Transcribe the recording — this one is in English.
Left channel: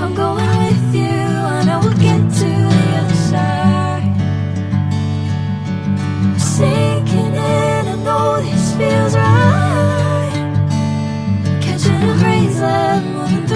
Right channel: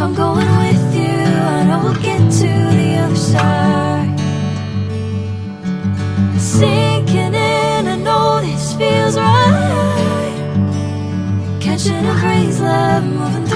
if I'm going with you, I know we'll get to the other side. Sinking in, I know this feels right. Catching a crazy love, moving